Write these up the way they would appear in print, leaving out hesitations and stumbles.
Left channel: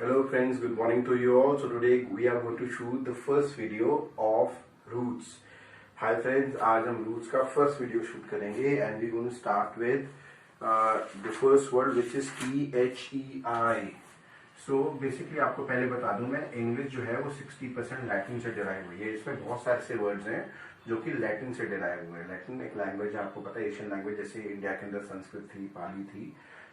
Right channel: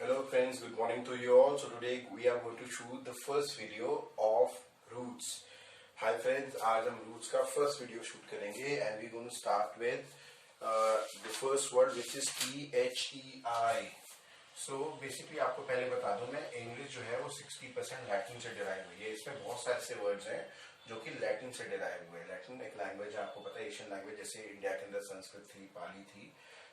Hello friends, good morning to you all. So today we are going to shoot the first video of roots. Hi friends, आज हम roots का first video shoot करेंगे and we're going to start with the first word which is THEI. So basically आपको पहले बता दूं मैं English जो है वो 60% लैटिन से डिराइव हुई है. इसमें बहुत सारे से वर्ड्स हैं जो कि लैटिन से डिराइव हुए हैं. लैटिन एक लैंग्वेज है, आपको पता है एशियन लैंग्वेज, जैसे इंडिया के अंदर संस्कृत थी, पाली थी,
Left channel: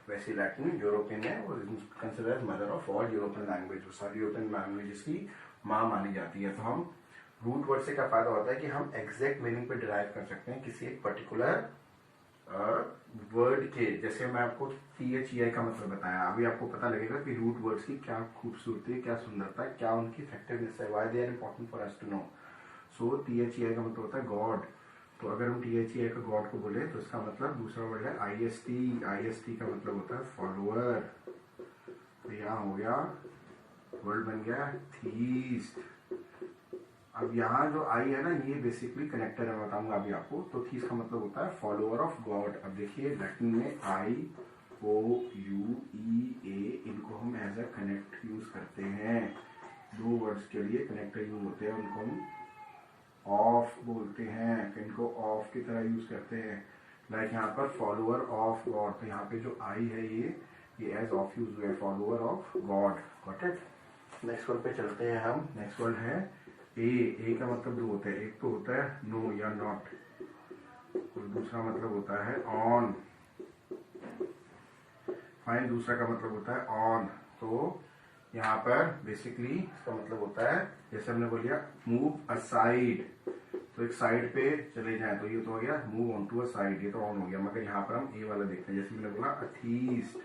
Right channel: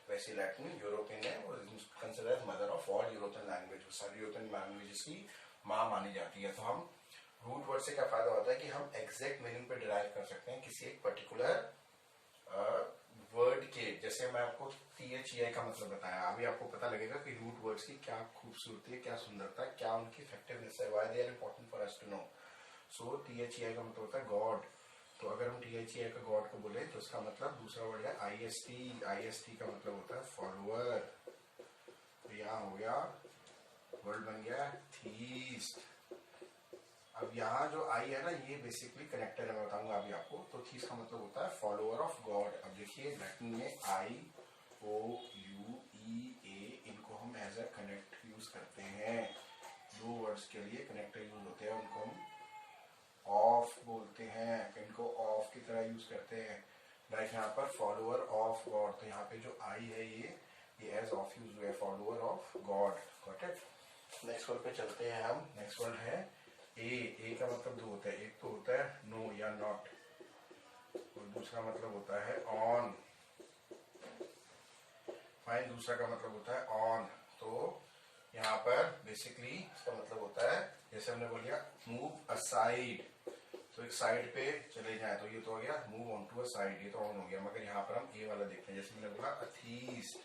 वैसे लैटिन यूरोपियन है, वो consider as mother of all European language. सारी यूरोपियन लैंग्वेजेस की माँ मानी जाती है. तो हम रूट वर्ड से क्या फायदा होता है कि हम एग्जैक्ट मीनिंग पे डिराइव कर सकते हैं किसी एक पर्टिकुलर वर्ड के. जैसे मैं आपको THEI का मतलब बताया, अभी आपको पता लगेगा कि रूट वर्ड्स की क्या खूबसूरती है, क्या सुंदरता है, क्या उनकी इफेक्टिवनेस है, why they are important for us to know. सो THEI का मतलब होता है गॉड. तो अगर हम THEI का गॉड को बोले तो इसका मतलब दूसरा वर्ड है IST. IST का मतलब होता है फॉलोअर. तो यहाँ हो गया वर्ड बन गया थीस्ट. अब यहाँ जो आई है ना, ये बेसिकली कनेक्टर है, मैं बताऊंगा अभी आपको. तो थीस्ट का मतलब होता है फॉलोअर ऑफ गॉड. अब देखिए लैटिन में IOUEA, इनको हम एज अ कनेक्ट यूज करते हैं. दो वर्ड्स के लिए कनेक्टर यूज होते हैं, उनको हम ऑफ बोलते हैं, इनको ऑफ की तरह यूज करते हैं. लाइक यहाँ पर फॉलोअर ऑफ गॉड, तो यहाँ पे जो आई है ये एज ऑफ यूज हुआ है, follower of God. Got it. Next word पे चलते हैं हम. नेक्स्ट वर्ड है ए का मतलब दो होता है. एक तो होता है नो या नॉट, और दूसरा मतलब होता है ऑन. फाइन. दूसरा का मतलब होता है ऑन. तो यहाँ पर बेसिकली इसका मतलब होता है, जैसे हमने बोलिया मूव असाइड, तो एक साइड पे चले जाए, तो ये तो हो गया move on to a side, ये तो ऑन हो गया. मगर यहाँ पर हम ए वाला देखते हैं. जैसे मैंने बोला अथीस्ट,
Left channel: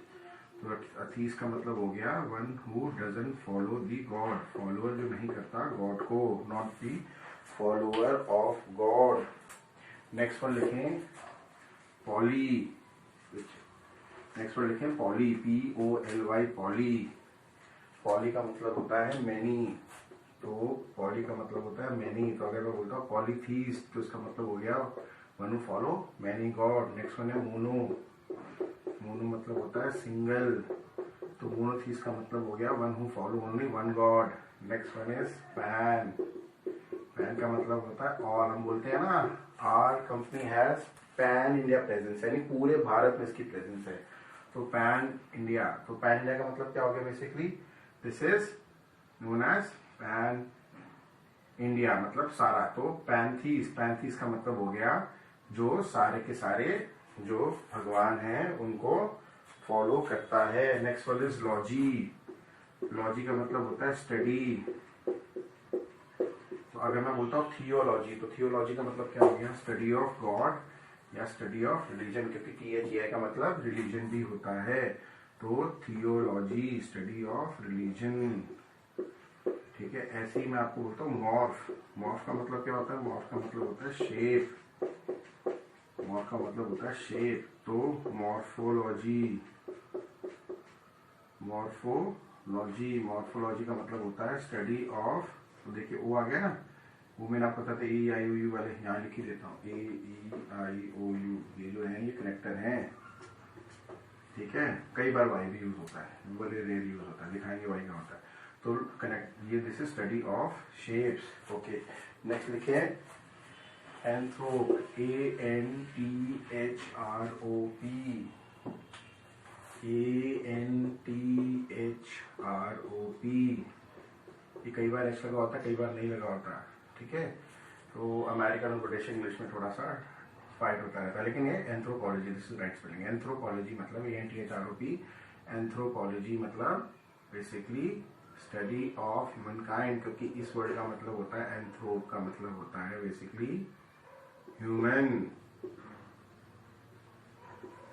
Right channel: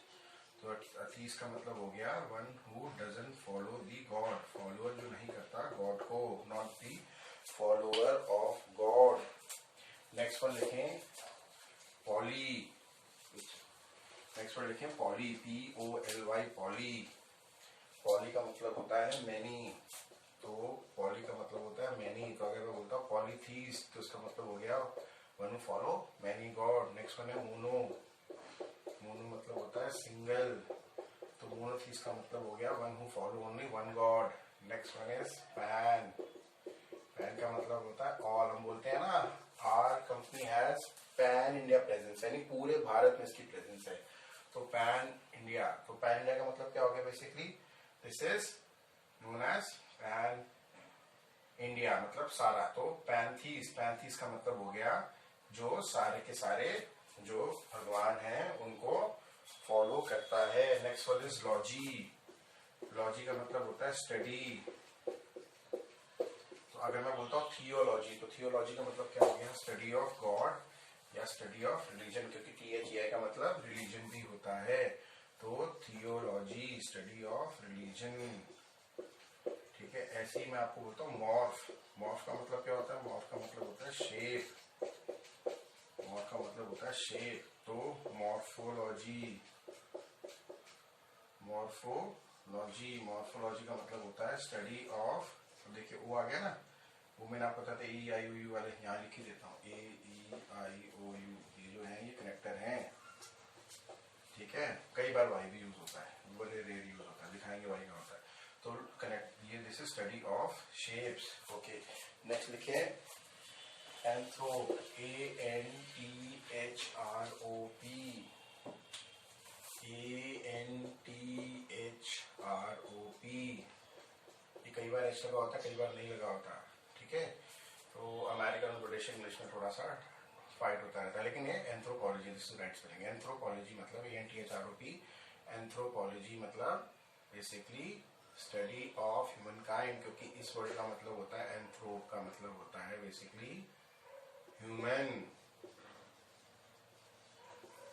तो अथीस्ट का मतलब हो गया one who doesn't follow the God. Follower जो नहीं करता गॉड को, not the follower of God. Next word लिखें पॉली. नेक्स्ट वर्ड लिखें पॉली, POLY, पॉली. पॉली का मतलब होता है मैनी. तो पॉली का मतलब होता है मैनी. तो अगर मैं बोलता हूँ पॉलीथीस्ट, तो इसका मतलब हो गया one who follow many God. Next one है मोनो. मोनो मतलब होता है सिंगल. तो मोनोथीस्ट का मतलब हो गया one who follow only one God. Next one is pan. Pan का मतलब होता है ऑल. हम बोलते हैं ना our company has pan India presence, यानी पूरे भारत में इसकी प्रेजेंस है. तो पैन इंडिया. तो पैन इंडिया का मतलब क्या हो गया basically, this is known as pan India, मतलब सारा. तो पैंथीस. पैंथीस का मतलब हो गया जो सारे के सारे जो भगवान हैं उनको फॉलो करता है. Next word is logy. Logy का मतलब होता है स्टडी. तो अगर मैं बोलता हूँ थियोलॉजी, तो थियोलॉजी का मतलब क्या हो गया, स्टडी ऑफ गॉड या स्टडी ऑफ रिलीजन, क्योंकि THEI का मतलब रिलीजन भी होता है. तो थियोलॉजी, स्टडी ऑफ रिलीजन. ठीक है. ऐसे ही मैं आपको बोलता हूँ मॉर्फ. मॉर्फ का मतलब क्या होता है, मॉर्फ का मतलब होता है शेप. मॉर्फ का मतलब होता है शेप. तो मॉर्फोलॉजी. मॉर्फोलॉजी. मॉर्फोलॉजी का मतलब होता है स्टडी ऑफ. तो देखिए ओ आ गया ना, वो मैंने आपको बताया AEIOU वाले, यहाँ लिख ही देता हूँ AEIOU. ये जो है ये कनेक्टर हैं. ठीक है. कई बार वाई भी यूज होता है, बड़े रेयर यूज होता है, दिखाएंगे वाई का होता है. तो कनेक्ट, ये this is study of shapes. Okay. Next लिखे एंथ्रोप. ANTHROP. ये कई बार एच लगा होता है, कई बार नहीं लगा होता. ठीक है. तो अमेरिकन और ब्रिटिश इंग्लिश में थोड़ा सा फाइट होता रहता है, लेकिन ये anthropology, this is right spelling. Anthropology मतलब ANTHROP. एंथ्रोपोलॉजी मतलब basically study of human kind, क्योंकि इस वर्ड का मतलब होता है एंथ्रोप का मतलब होता है basically human.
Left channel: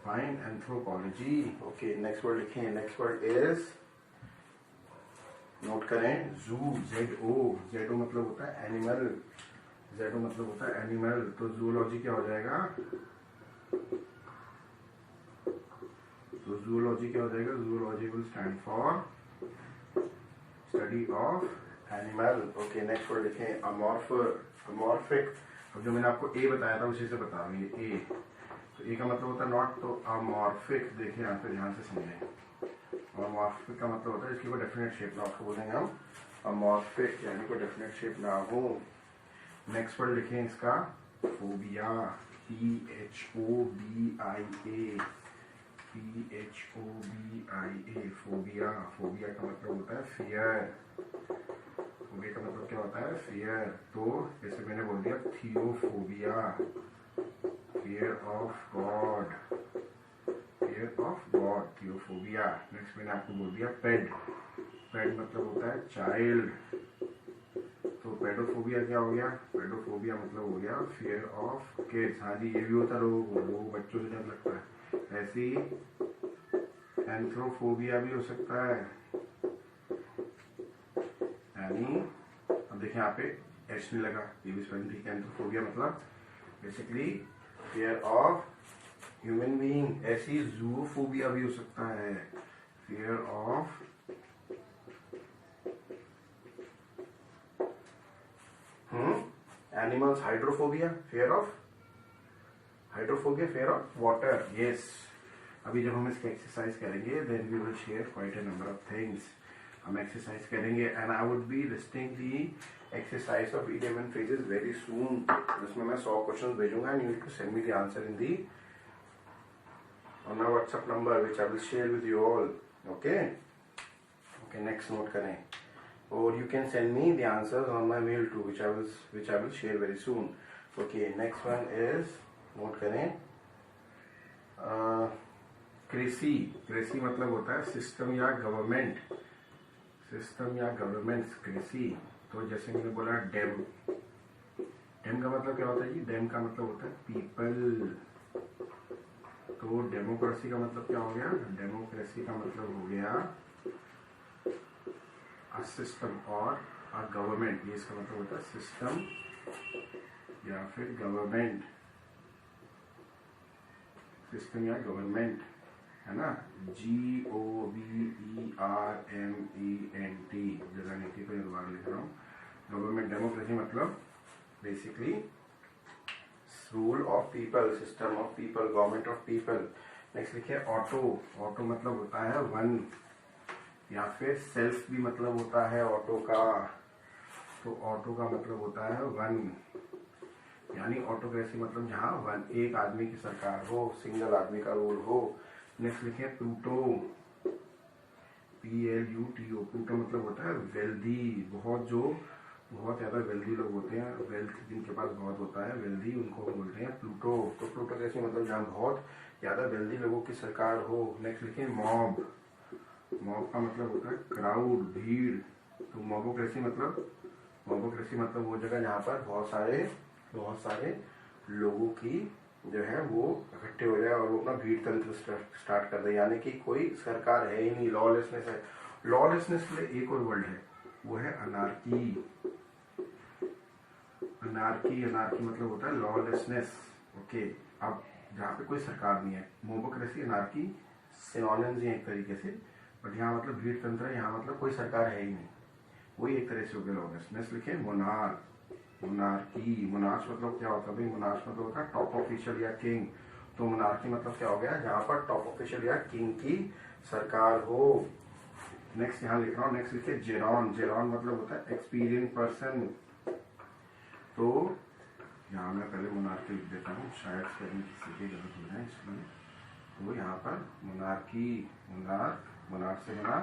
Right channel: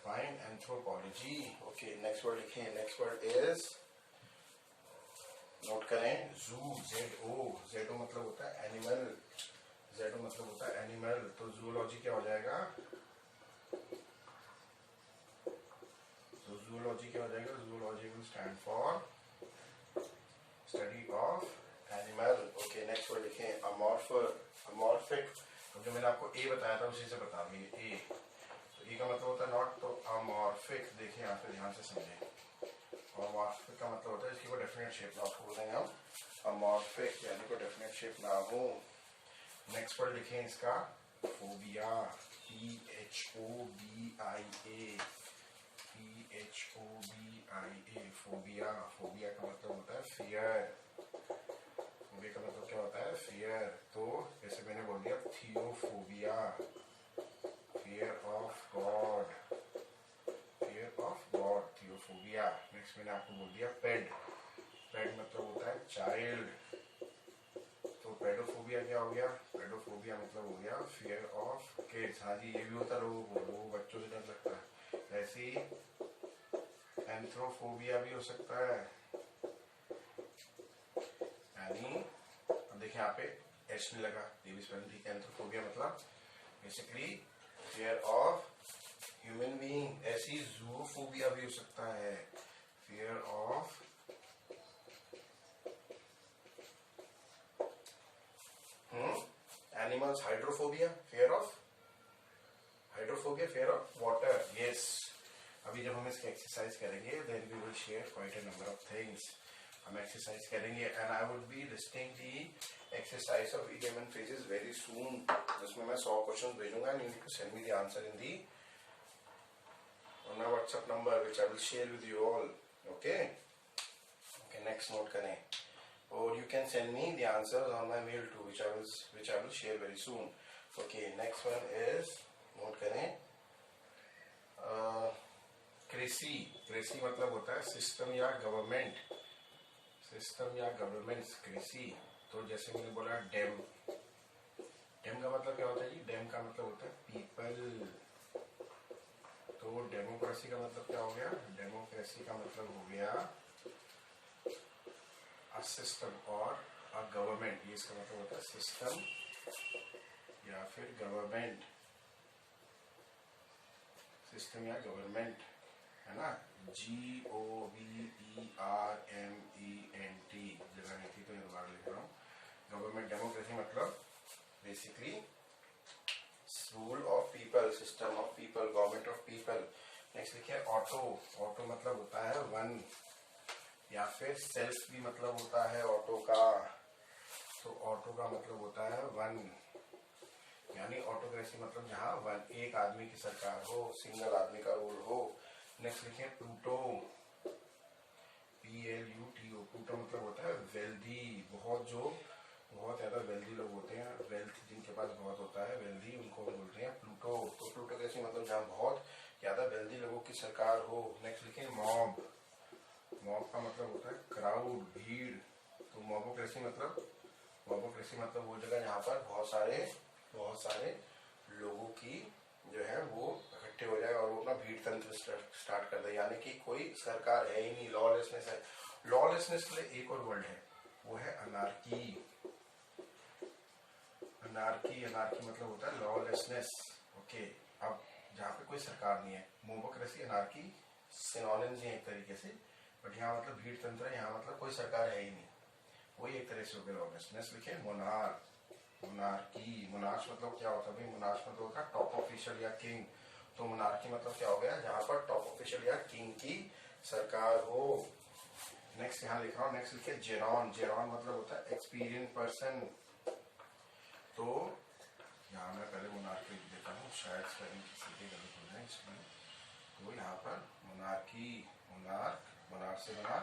Fine. Anthropology. Okay. Next word लिखें. नेक्स्ट वर्ड इज, नोट करें, जू. ZO मतलब होता है एनिमल. ZO मतलब होता है एनिमल. तो जूलॉजी क्या हो जाएगा, तो जूलॉजी क्या हो जाएगा, zoology will stand for study of animal. Okay. Next word लिखें अमॉर्फिक. अब जो मैंने आपको ए बताया था उसी से बता रहा हूँ, ये ए. तो ए का मतलब होता है नॉट, तो अमॉर्फिक. देखिए यहाँ पे ध्यान से समझें. और मॉर्फिक का मतलब होता है इसकी कोई डेफिनेट शेप ना, उसको बोलेंगे हम अमॉर्फिक, यानी कोई डेफिनेट शेप ना हो। नेक्स्ट वर्ड लिखें इसका phobia, PHOBIA, PHOBIA, phobia. Phobia का मतलब होता है फियर, फोबिया का मतलब क्या होता है फियर। तो जैसे मैंने बोल दिया theophobia, fear of God, fear of God, theophobia. Next मैंने आपको बोल दिया पेड, पेड मतलब होता है चाइल्ड, तो पेडोफोबिया क्या हो गया, पेडोफोबिया मतलब हो गया फियर ऑफ किड्स। हाँ जी, ये भी होता है लोगों को, लोगों बच्चों से डर लगता है। ऐसी एंथ्रोफोबिया भी हो सकता है, यानी अब देखिए यहाँ पे एच नहीं लगा, ये भी स्पेलिंग ठीक है। एंथ्रोफोबिया मतलब basically fear of human being. ऐसी जूफोबिया भी हो सकता है, fear of animals. Hydrophobia, fear of hydrophobia, fear of water. Yes, अभी जब हम इसकी एक्सरसाइज करेंगे then we will share quite a number of things. हम एक्सरसाइज करेंगे and I would be listing the exercise of idiom and phrases very soon, जिसमें मैं 100 questions भेजूंगा and you need to send me the answer in the on our WhatsApp number which I will share with you all. Okay, okay, next note करें, or you can send me the answers on my mail too, which I will share very soon. Okay, next one is note करें कृषि। कृषि मतलब होता है system या government, system या government कृषि। तो जैसे मैंने बोला डेम, डेम का मतलब क्या होता है जी, डेम का मतलब होता है पीपल। तो डेमोक्रेसी का मतलब क्या हो गया, डेमोक्रेसी का मतलब हो गया अ सिस्टम और अ गवर्नमेंट, ये इसका मतलब होता है सिस्टम या फिर गवर्नमेंट, सिस्टम या गवर्नमेंट, है ना। GOVERMENT, जगह नहीं थी तो ये दोबारा लिख रहा हूँ। गवर्नमेंट, डेमोक्रेसी मतलब basically rule of people, system of people, government of people. Next लिखिए ऑटो। ऑटो मतलब होता है वन, या फिर सेल्फ भी मतलब होता है ऑटो का। तो ऑटो का मतलब होता है वन, यानी ऑटोक्रेसी मतलब जहाँ वन, एक आदमी की सरकार हो, सिंगल आदमी का रूल हो। नेक्स्ट लिखिए प्लूटो, PLUTO। प्लूटो मतलब होता है वेल्दी, बहुत जो बहुत ज़्यादा वेल्दी लोग होते हैं, वेल्थ जिनके पास बहुत होता है, वेल्दी, उनको हम बोलते हैं प्लूटो। तो प्लूटोक्रेसी मतलब जहाँ बहुत ज़्यादा वेल्दी लोगों की सरकार हो। नेक्स्ट लिखिए मॉब। मॉब का मतलब होता है क्राउड, भीड़। तो मॉबोक्रेसी मतलब वो जगह जहाँ पर बहुत सारे लोगों की जो है वो इकट्ठे हो जाए और वो अपना भीड़ तंत्र स्टार्ट कर दे, यानी कि कोई सरकार है ही नहीं, लॉलेसनेस है। लॉलेसनेस के लिए एक और वर्ड है, वो है अनार्की। अनार्की, अनार्की मतलब होता है लॉलेसनेस। ओके, अब जहाँ पे कोई सरकार नहीं है, मोबोक्रेसी अनार्की सिनोनिम्स ही हैं एक तरीके से, बट यहाँ मतलब भीड़ तंत्र है, यहाँ मतलब कोई सरकार है ही नहीं, वही एक तरह से हो गया लॉलेसनेस। लिखे मोनार्क, मोनार्की। मोनार्च मतलब क्या होता है भाई, मोनार्च मतलब होता है टॉप ऑफिशियल या किंग। तो मोनार्की मतलब क्या हो गया, जहाँ पर टॉप ऑफिशियल या किंग की सरकार हो। नेक्स्ट यहाँ लिख रहा हूँ, नेक्स्ट लिखिए जेरॉन। जेरॉन मतलब होता है एक्सपीरियंस पर्सन। तो यहाँ मैं पहले मोनार्की लिख देता हूँ, शायद स्पेलिंग किसी की गलत हो जाए इसलिए। तो यहाँ पर मोनार्की, मोनार्क, मोनार्क से बना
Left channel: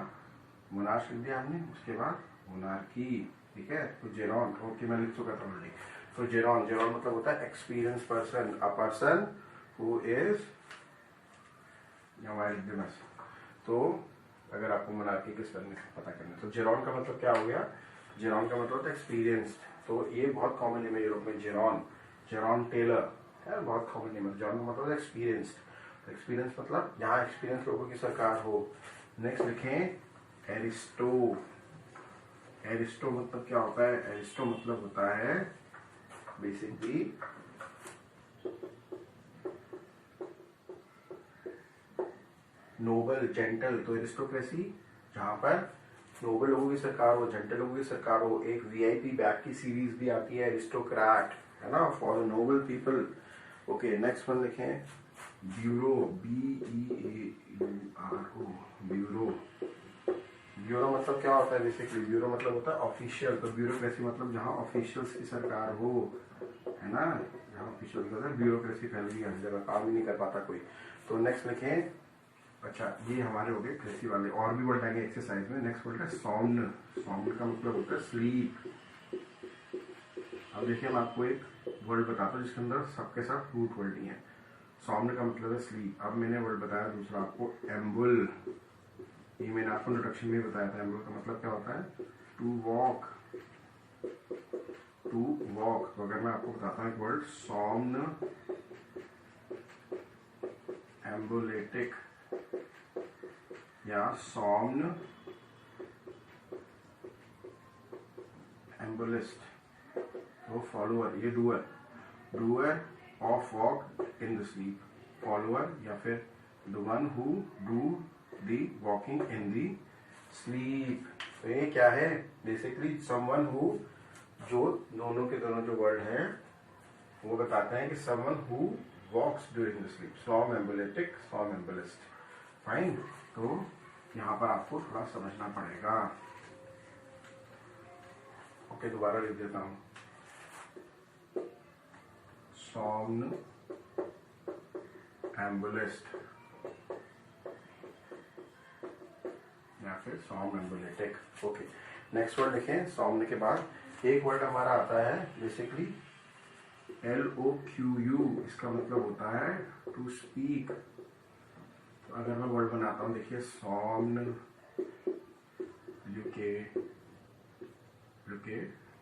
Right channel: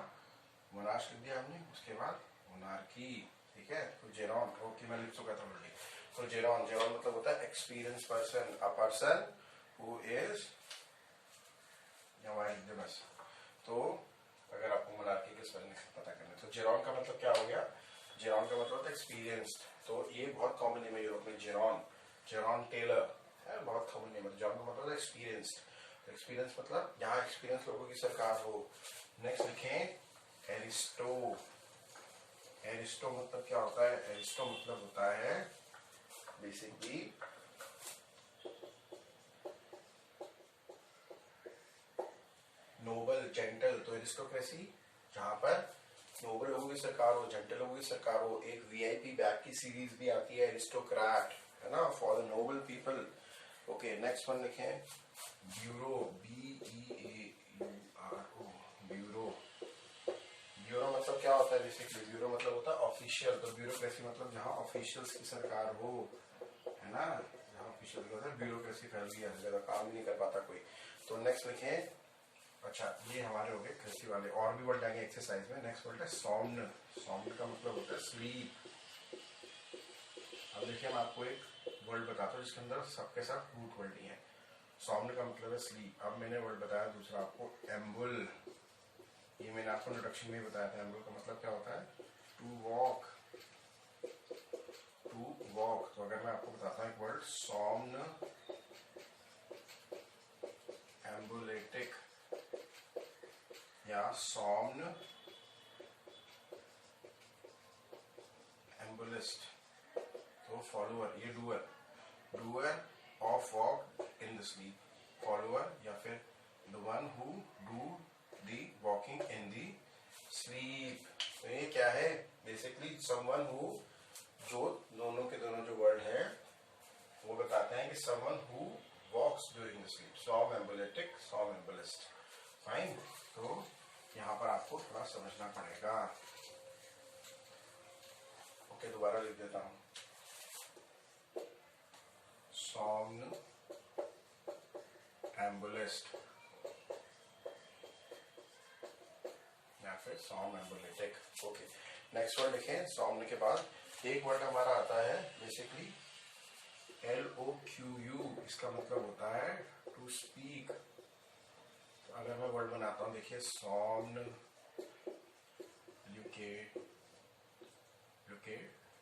मोनार्च लिख दिया हमने, उसके बाद मोनार्की, ठीक है। तो जेरॉन, ओके मैं लिख चुका था ऑलरेडी। तो जेरॉन, जेरॉन मतलब होता है experience person, a person who is, यहाँ लिख दे बस। तो अगर आपको मोनार्की के स्पेलिंग पता करना है तो जेरॉन का मतलब क्या हो गया, जेरॉन का मतलब होता है एक्सपीरियंस्ड। तो ये बहुत कॉमन नेम है यूरोप में, जेरॉन, जेरॉन टेलर है, बहुत कॉमन नेम है। जेरॉन का मतलब एक्सपीरियंस्ड। एक्सपीरियंस मतलब यहाँ एक्सपीरियंस लोगों की सरकार हो। नेक्स्ट लिखें एरिस्टो। एरिस्टो मतलब क्या होता है, एरिस्टो मतलब होता है बेसिकली नोबल, जेंटल। तो एरिस्टोक्रेसी जहाँ पर नोबल लोगों की सरकार हो, जेंटल लोगों की सरकार हो। एक VIP बैक की सीरीज भी आती है एरिस्टोक्रेट, है ना, for noble people. Okay, next one लिखें ब्यूरो, BEAURO, ब्यूरो। ब्यूरो मतलब क्या होता है बेसिकली? ब्यूरो मतलब होता है ऑफिशियल। तो ब्यूरोक्रेसी मतलब जहाँ ऑफिशियल्स की सरकार हो, है ना, जहाँ ऑफिशियल होता है, ब्यूरोक्रेसी फैल गई हर जगह, काम ही नहीं कर पाता कोई। तो नेक्स्ट लिखें, अच्छा ये हमारे हो गए कृषि वाले। और भी वर्ड आएंगे एक्सरसाइज में। नेक्स्ट वर्ड है सॉम्न। सॉम्न का मतलब होता है स्लीप। अब देखिए मैं आपको एक वर्ड बताता हूँ जिसके अंदर सबके साथ रूट वर्ड ही है। सॉम्न का मतलब है स्लीप। अब मैंने वर्ड बताया दूसरा आपको, एम्बुल। ये मैंने आपको इंट्रोडक्शन में बताया था। एम्बुल का मतलब क्या होता है? To walk. To walk. तो अगर मैं आपको बताता हूँ एक वर्ड, सॉम्न एम्बुलेटिक या सॉम्न एम्बुलिस्ट, तो फॉलोअर, ये doer, doer of walk in the sleep, follower या फिर the one who do the walking in the sleep. तो ये क्या है बेसिकली? समवन हु, जो दोनों के दोनों जो वर्ड है वो बताते हैं कि someone who walks during the sleep. Somnambulatic, somnambulist. Fine. तो यहाँ पर आपको थोड़ा समझना पड़ेगा। ओके, दोबारा लिख देता हूँ, सॉम्न एम्बुलिस्ट या फिर सॉम एम्बुलेटिक। ओके, नेक्स्ट वर्ड लिखें। सॉम्न के बाद एक वर्ड हमारा आता है बेसिकली LOQU। इसका मतलब होता है टू स्पीक। तो अगर मैं वर्ड बनाता हूँ, देखिए, सॉम्न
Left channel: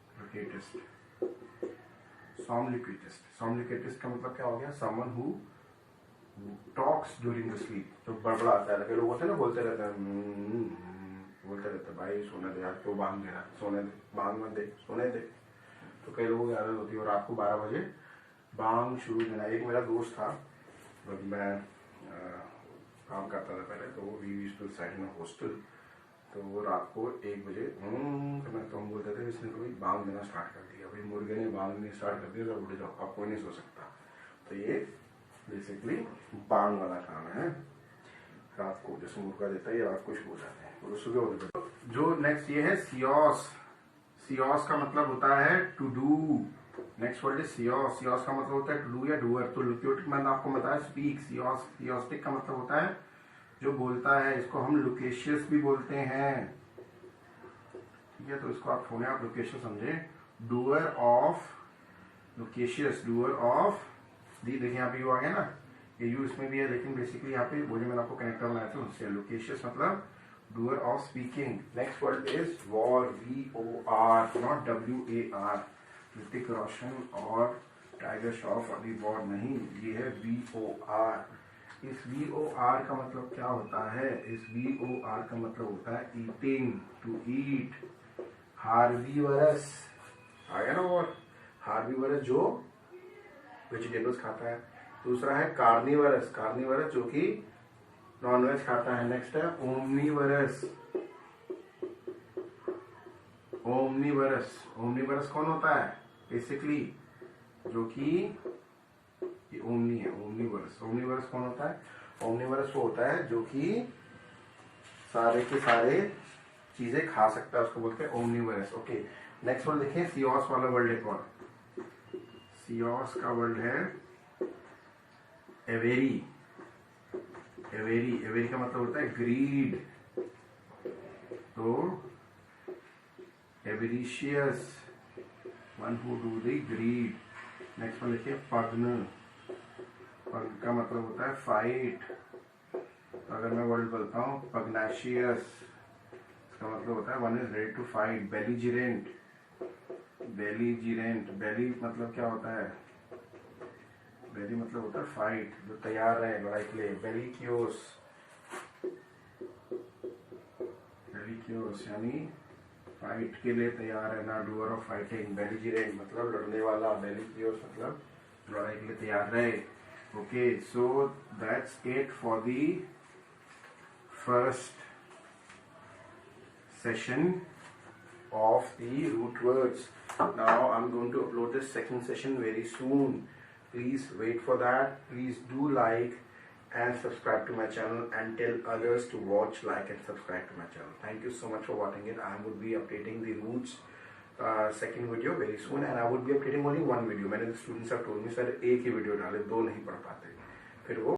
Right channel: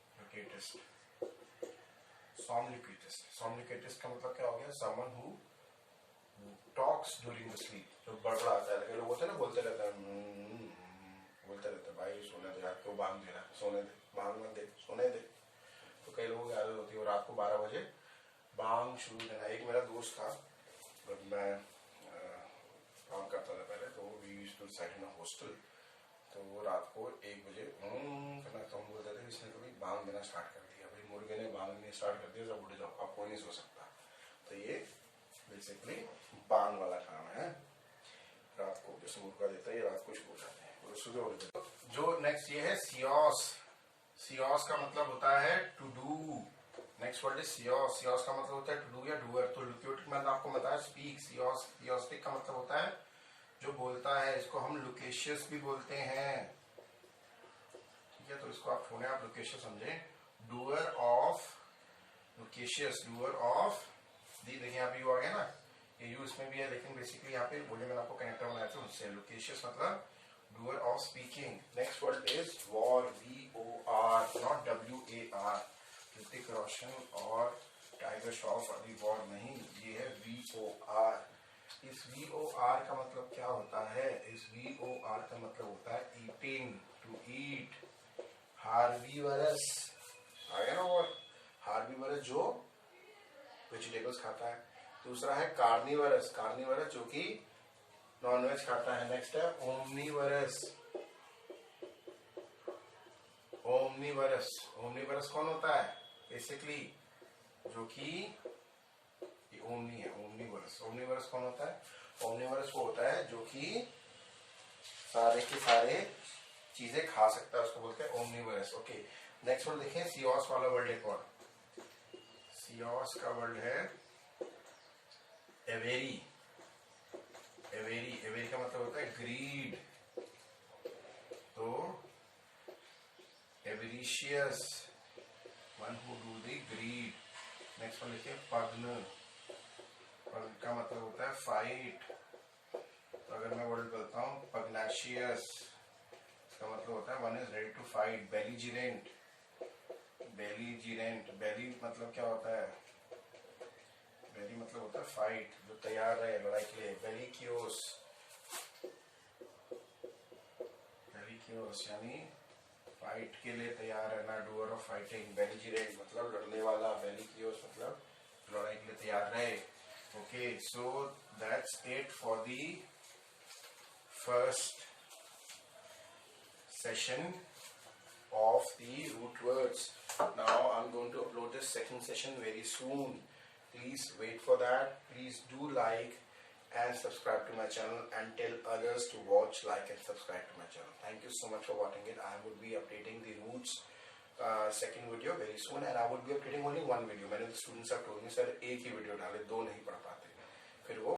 लुकेटिस्ट। सॉम्निक्विटिस्ट। सॉम्निक्विटिस्ट का मतलब क्या हो गया? Someone who talks during the sleep. जो बड़बड़ाता है, लगे लोग होते हैं ना, बोलते रहते हैं, बोलते रहते हैं, भाई सोने दे यार, क्यों बांग दे रहा, सोने दे, बांग मत दे, सोने दे। तो कई लोगों की आदत होती है और रात को 12 बजे बांग शुरू देना। एक मेरा दोस्त था, जब मैं काम करता था पहले, तो वी यूज्ड टू साइड में हॉस्टल। तो वो रात को 1 बजे करना, तो हम बोलते थे इसने कभी बांग देना स्टार्ट कर दिया, भाई मुर्गे ने बांग देना स्टार्ट कर दिया, सब उठ जाओ, अब कोई नहीं सो सकता। तो ये बेसिकली बांग वाला काम है। रात को जैसे मुर्गा देता है, ये रात को शुरू हो जाते हैं और सुबह हो जाते हैं। जो नेक्स्ट ये है सियोस। सियोस का मतलब होता है to do. Next word is सियोस। सियोस का मतलब होता है टू डू या डूअर। तो लुक्योटिक मैंने आपको बताया स्पीक। सियोस, सियोस्टिक का मतलब होता है जो बोलता है। इसको हम लुकेशियस भी बोलते हैं, ठीक है। तो इसको आप छोड़े, आप लुकेशियस समझे। Doer of loquacious, doer of the. देखिए यहाँ पे यू आ गया ना, ये यू इसमें भी है, लेकिन बेसिकली यहाँ पे वो जो मैंने आपको कनेक्टर बनाया था उससे। लुकेशियस मतलब doer of speaking. Next word is vor. VOR, not WAR। Hrithik Roshan और टाइगर श्रॉफ वाली वॉर नहीं, ये है VOR। इस VOR का मतलब क्या होता है? इस VOR का मतलब होता है ईटिंग, टू ईट। हार्बीवरस आ गया ना, और हार्बीवरस जो वेजिटेबल्स खाता है। दूसरा है कार्निवरस। कार्निवरस जो कि नॉनवेज खाता है। नेक्स्ट है ओमनीवरस। ओमनीवरस, ओमनीवरस कौन होता है बेसिकली? जो कि ये ओमनी है, ओमनीवरस। ओमनीवरस कौन होता है? ओमनीवरस वो होता है जो कि सारे के सारे चीजें खा सकता है, उसको बोलते हैं ओमनीवरस। ओके, नेक्स्ट वर्ड देखिए, सियोस वाला वर्ड एक और। सियोस का वर्ड है एवेरी। एवेरी, एवेरी का मतलब होता है ग्रीड। तो avaricious, one who do the greed. Next word लिखिए पग्न। पग्न का मतलब होता है फाइट। तो अगर मैं वर्ड बोलता हूँ पग्नाशियस, इसका मतलब होता है one is ready to fight. Belligerent, belligerent, belli मतलब क्या होता है? बेली मतलब होता है फाइट, जो तैयार रहे लड़ाई के लिए। बेलिक्योस, बेलिक्योस यानी फाइट के लिए तैयार है ना, डूअर ऑफ फाइटिंग। बेलीजिरेंट मतलब लड़ने वाला, बेलिक्योस मतलब लड़ाई के लिए तैयार रहे। Okay, so that's it for the first session of the root words. Now I'm going to upload the second session very soon. Please wait for that. Please do like and subscribe to my channel and tell others to watch, like and subscribe to my channel. Thank you so much for watching it. I would be updating the roots second video very soon, and I would be updating only one video. Many of the students have told me sir एक ही video डाले, दो नहीं पढ़ पाते, फिर वो